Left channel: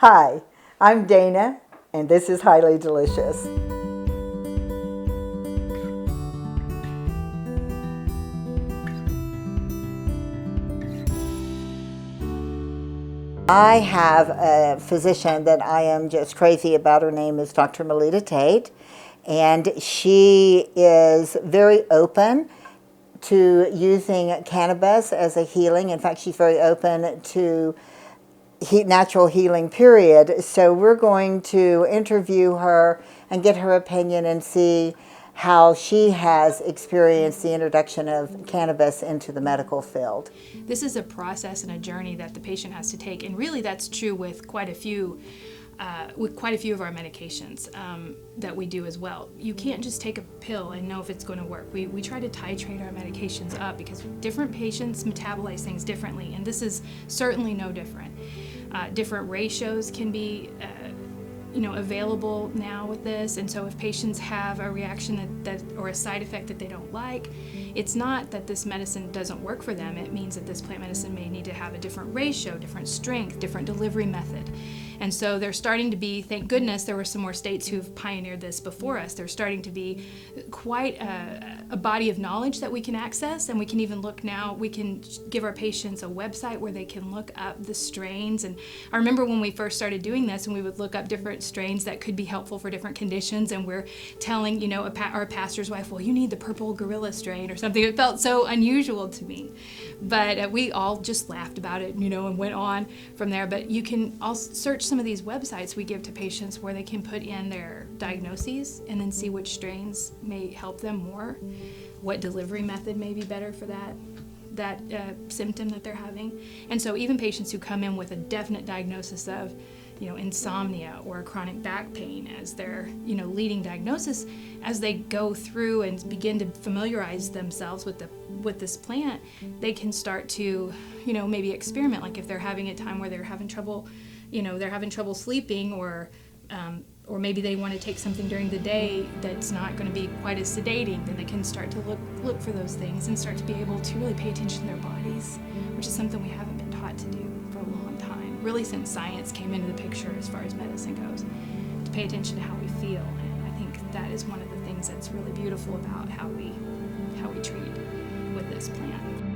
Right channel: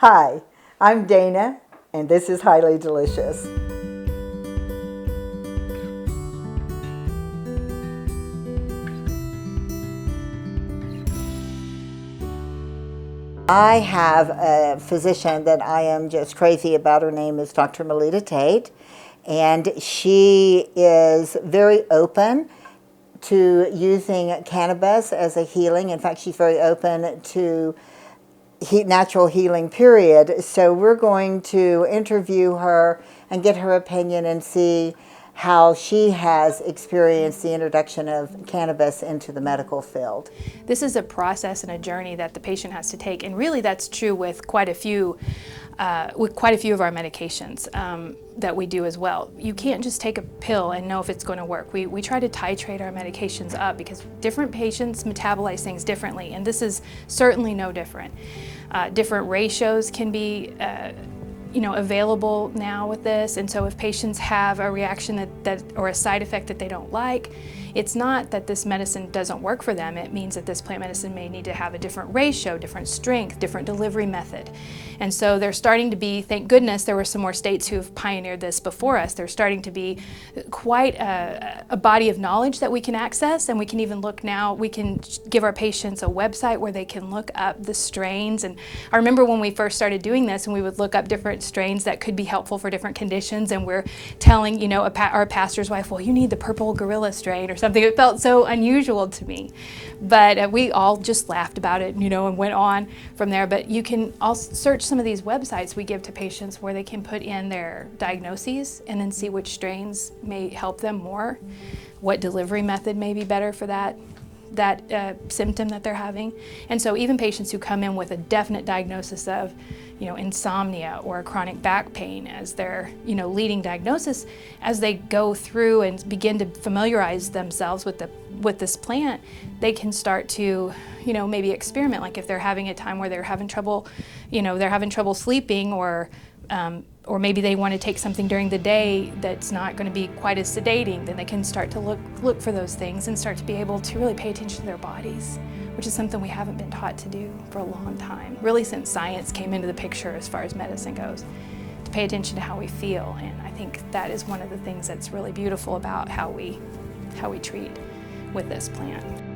Hi, I'm Dana, and this is Highly Delicious. I have a physician that I am just crazy about. Her name is Dr. Tate, and she is very open to using cannabis as a healing. In fact, she's very open to natural healing, period. So we're going to interview her and get her opinion and see how she has experienced the introduction of cannabis into the medical field. This is a process and a journey that the patient has to take, and really that's true with quite a few of our medications that we do as well. You can't just take a pill and know if it's going to work. We try to titrate our medications up because different patients metabolize things differently, and this is certainly no different. Different ratios can be available now with this, and so if patients have a reaction that or a side effect that they don't like, it's not that this medicine doesn't work for them. It means that this plant medicine may need to have a different ratio, different strength, different delivery method. And so there's starting to be, thank goodness, there were some more states who've pioneered this before us. There's starting to be quite a body of knowledge that we can access, and we can even look now, we can give our patients a website where they can look up the strains. And I remember when we first started doing this, and we would look up different strains that could be helpful for different conditions, and we're telling, our pastor's wife, well, you need the purple gorilla strain or something. It felt so unusual to me. But we all just laughed about it, and went on from there. But you can also search some of these websites we give to patients where they can put in their diagnoses and then see which strains may help them more, what delivery method may be better for that symptom that they're having. And so even patients who come in with a definite diagnosis of insomnia or chronic back pain as their leading diagnosis, as they go through and begin to familiarize themselves with this plant, they can start to maybe experiment. Like if they're having a time where they're having trouble sleeping, or maybe they want to take something during the day that's not going to be quite as sedating, then they can start to look for those things and start to be able to really pay attention to their bodies, which is something we haven't been taught to do for a long time, really since science came into the picture as far as medicine goes, to pay attention to how we feel. And I think that is one of the things that's really beautiful about how we treat with this plant.